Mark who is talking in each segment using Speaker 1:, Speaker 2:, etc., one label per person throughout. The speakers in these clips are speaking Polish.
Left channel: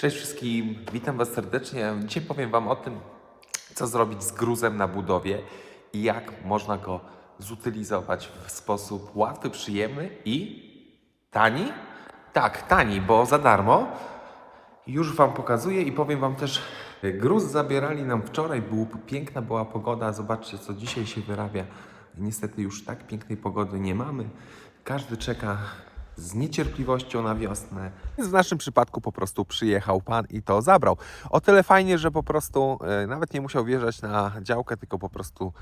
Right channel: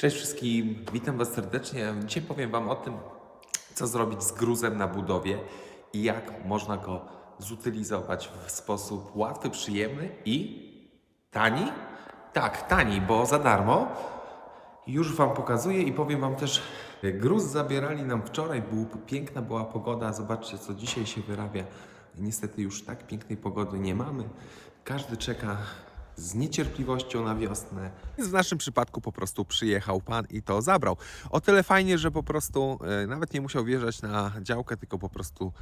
Speaker 1: Cześć wszystkim, witam Was serdecznie. Dzisiaj powiem Wam o tym, co zrobić z gruzem na budowie i jak można go zutylizować w sposób łatwy, przyjemny i tani. Tak, tani, bo za darmo. Już Wam pokazuję i powiem Wam też, gruz zabierali nam wczoraj, była piękna była pogoda, zobaczcie co dzisiaj się wyrabia. Niestety już tak pięknej pogody nie mamy. Każdy czeka z niecierpliwością na wiosnę. W naszym przypadku po prostu przyjechał pan i to zabrał. O tyle fajnie, że po prostu e, nawet nie musiał wjeżdżać na działkę, tylko po prostu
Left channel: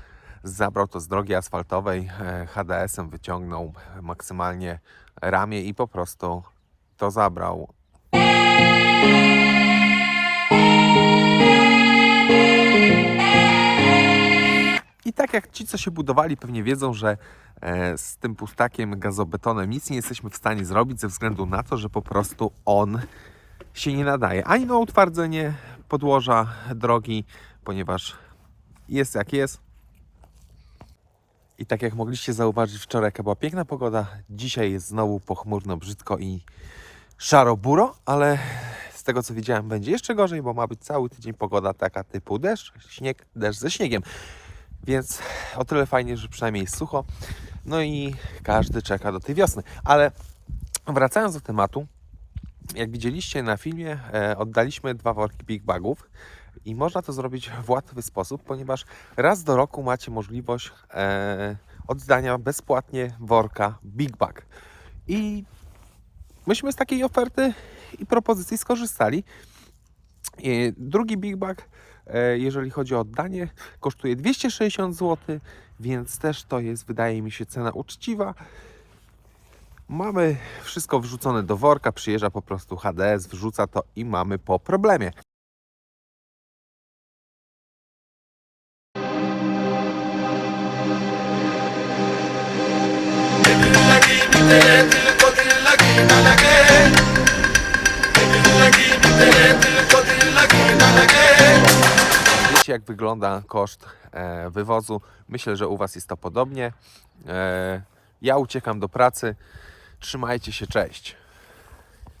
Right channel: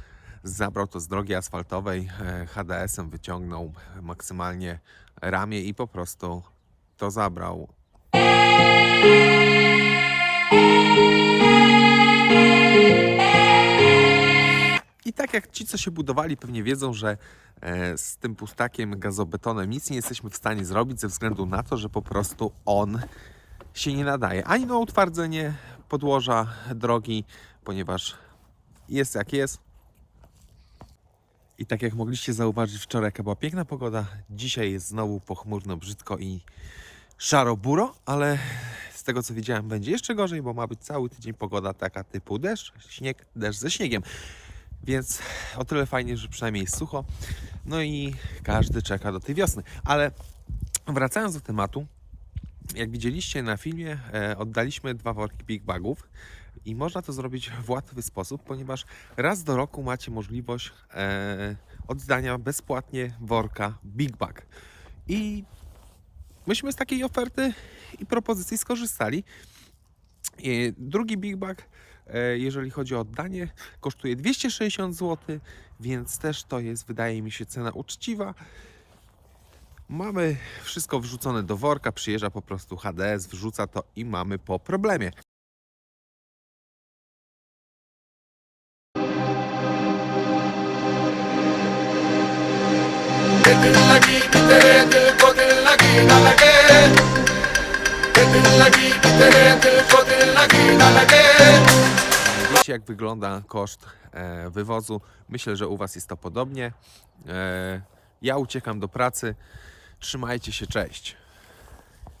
Speaker 1: zabrał to z drogi asfaltowej, e, HDS-em wyciągnął maksymalnie ramię i po prostu to zabrał. Tak jak ci, co się budowali, pewnie wiedzą, że e, z tym pustakiem gazobetonem nic nie jesteśmy w stanie zrobić ze względu na to, że po prostu on się nie nadaje ani na utwardzenie podłoża drogi, ponieważ jest jak jest. I tak jak mogliście zauważyć wczoraj, jaka była piękna pogoda, dzisiaj jest znowu pochmurno, brzydko i szaro-buro, ale z tego co widziałem będzie jeszcze gorzej, bo ma być cały tydzień pogoda taka typu deszcz, śnieg, deszcz ze śniegiem. Więc o tyle fajnie, że przynajmniej jest sucho. No i każdy czeka do tej wiosny. Ale wracając do tematu, jak widzieliście na filmie, e, oddaliśmy dwa worki Big Bagów i można to zrobić w łatwy sposób, ponieważ raz do roku macie możliwość e, oddania bezpłatnie worka Big Bag. I myśmy z takiej oferty i propozycji skorzystali. Drugi Big Bag, e, jeżeli chodzi o oddanie, kosztuje 260 zł, więc też to jest, wydaje mi się, cena uczciwa. Mamy wszystko wrzucone do worka, przyjeżdża po prostu HDS, wrzuca to i mamy po problemie.
Speaker 2: Thank
Speaker 1: you. Jak wygląda koszt e, wywozu. Myślę, że u Was jest to podobnie. E, ja uciekam do pracy. Trzymajcie się, cześć.